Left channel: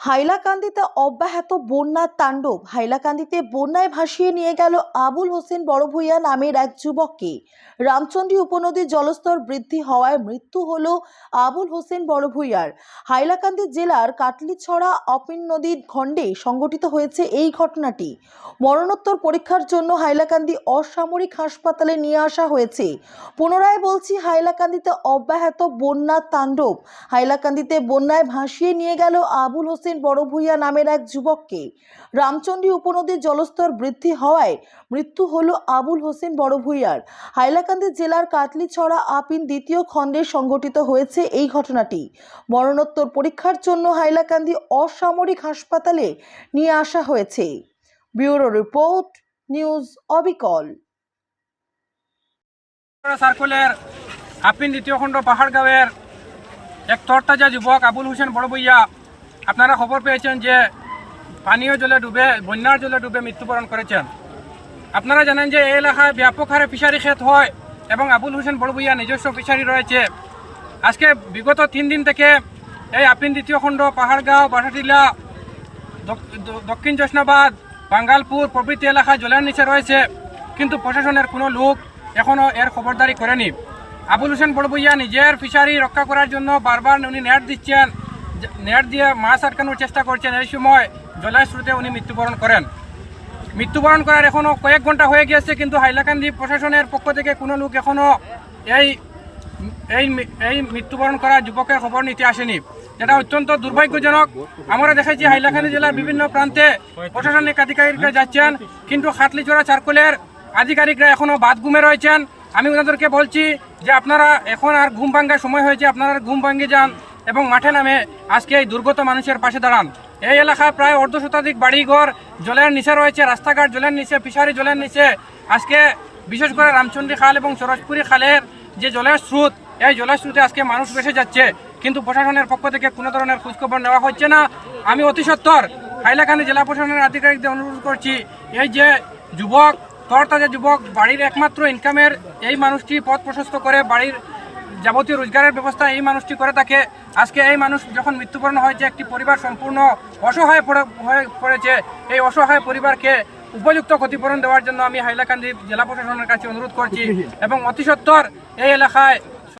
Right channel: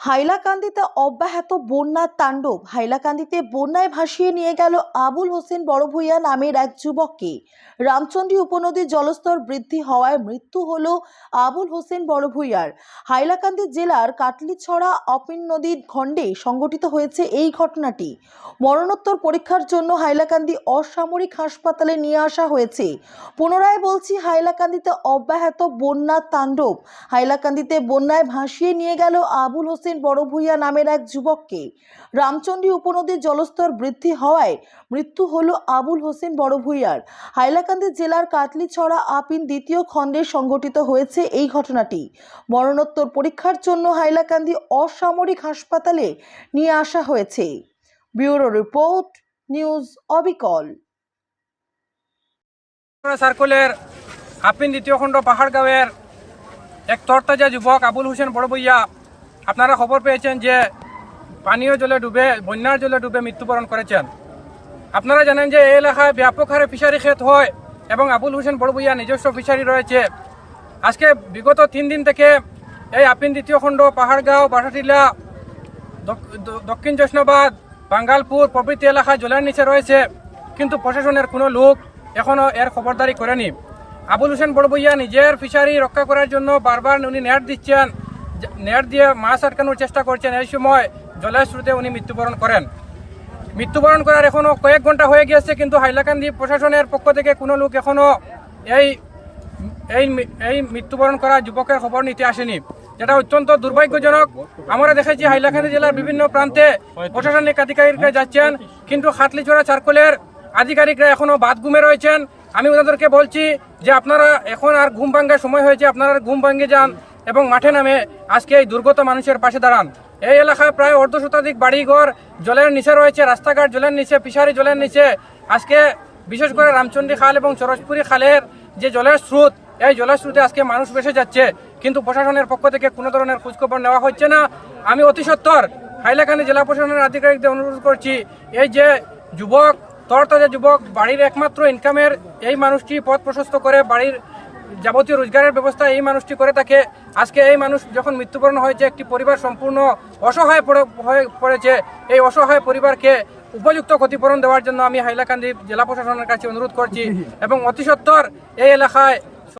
হাইলাকান্দিতে অব্যাহত বন্যার তাণ্ডব। হাইলাকান্দিতে বন্যায় ভাসিয়ে নিয়ে গেল আবুল হোসেন বড়ভূইয়া নামের এক যুবককে। রামচন্ডী উপনদীর জলস্তর বৃদ্ধি হওয়ায় মৃত্যু হল আবুল হোসেন বড়ভূইয়ার। হাইলাকান্দি জেলার কাটলিছড়া অপিন নদীর খণ্ডে সংঘটিত হয়েছে এই ঘটনাটি। মরণোত্তর পরীক্ষার জন্য হাইলাকান্দি অসামরিক হাসপাতালে নিয়ে আসা হয়েছে। পুনরায় বলছি, হাইলাকান্দিতে অব্যাহত বন্যার তাণ্ডব। হাইলাকান্দিতে বন্যায় ভাসিয়ে নিয়ে গেল আবুল হোসেন বড়ভূইয়া নামের এক যুবককে রামচন্ডী উপনদীর জলস্তর বৃদ্ধি হওয়ায় মৃত্যু হল আবুল হোসেন বড় বড়ভূইয়ার। হাইলাকান্দি জেলার কাটলিছড়া আপিন দ্বিতীয় খণ্ডে সংঘটিত হয়েছে এই ঘটনাটি। মরণোত্তর পরীক্ষার জন্য হাইলাকান্দি অসামরিক হাসপাতালে নিয়ে আসা হয়েছে। ব্যুরো রিপোর্ট, নিউজ অবিকল। সার্কুলের আপিন দ্বিতীয় খণ্ড পাহাড়গাঁওয়ের এক তরতাজা যুবক আবুল হোসেন বড়বইয়া আপনারা খবর পেয়েছেন যে পানীয় জলে ডুবে, বন্যার জলে ডুবে মৃত্যুবরণ করেছেন। আপনারা জানেন যে এই এলাকায় ব্যাপক হারে ফিশারি ক্ষেত হয় এবং আবুল হোসেন বড়বইয়া নিজস্ব ফিশারি রয়েছে। আজকে বিগত তিন দিন থেকে এই আপিন দ্বিতীয় খণ্ড, পাহাড়গাঁও দ- দক্ষিণ জেসনাবাদ, বাঙ্গালপুর প্রভৃতি এলাকায় জলের নিচে রয়েছে। কিন্তু প্রশাসনের কোনো লোক এখনও এর খবরদারি করেনি। আবুল হোসেন বড়বইয়া নিজের ফিশারি রক্ষা করার জন্য বারবার উনি নেট দিচ্ছেন। নেট দিয়ে মাছ আটকানোর চেষ্টা করছেন, এই সময় জলের স্রোতে উনি মৃত্যুবরণ করেন। মৃত্যুবরণ করার এখনও কয়েক ঘণ্টা হয়ে গিয়েছে, কিন্তু হাইলাকান্দি প্রশাসনের পক্ষ থেকে কোনো লোক এখনও এই এই এই মৃত্যুবরণ করা যুবকের খবর নিতে আসেনি। যেটা অত্যন্ত দুর্ভাগ্যজনক। আমরা দেখেছি হাইলাকান্দি জেলার বিভিন্ন প্রান্তে প্রশাসনিক আধিকারিকরা যাচ্ছেন, কিন্তু খাটলিছড়া চারকোলের আধিকারিকরা এখনও বাদ ঘুমে রয়েছেন। আমি ওনাদেরকে বলছি যে আপনারা এখন আর ঘুম ভাঙ্গার সময় হয়েছে, আপনারা ঘুম ভাঙ্গে যান। এবং মাঠে নামে আজকে এই দুর্গত মানুষের পাশে দাঁড়ান। এই এলাকায় প্রায় অর্ধ শতাধিক বাড়িঘর, জলের নিচে রয়েছে, রাস্তাঘাট জলের নিচে, ফিশারি জলের নিচে। আজকে বিশেষ করে রামচন্দ্রী খাল এবং চরসপুরি খালের যে জলের স্রোত, এই জলের স্রোতে আজকে মানুষ বেসে যাচ্ছে। কিন্তু প্রশাসনের পক্ষ থেকে কোনো ধরনের খোঁজখবর নেওয়া হচ্ছে না। আমি অতি সত্তর হাইলাকান্দি জেলা প্রশাসনের আধিকারিকদের অনুরোধ করছি, এই যে যুবক, তরতাজা যুবক, বাড়ির একমাত্র ইনকামের এই মানুষটি পথ প্রশস্ত করে, বাড়ির যাবতীয় রোজগারের ব্যবস্থা এই মানুষটি করে থাকে। আজকে এই মানুষ যখন মৃত্যুবরণ হয়েছে, একটি পরিবার সম্পূর্ণ অসহায় পড়ে, হয়ে পড়েছে। এই অসহায় পরিবারকে উপযুক্ত ক্ষতিপূরণ দেওয়ার জন্য আমি হাইলাকান্দি জেলা প্রশাসনের কাছে অনুরোধ করছি এবং অতি সত্বর এই এলাকায়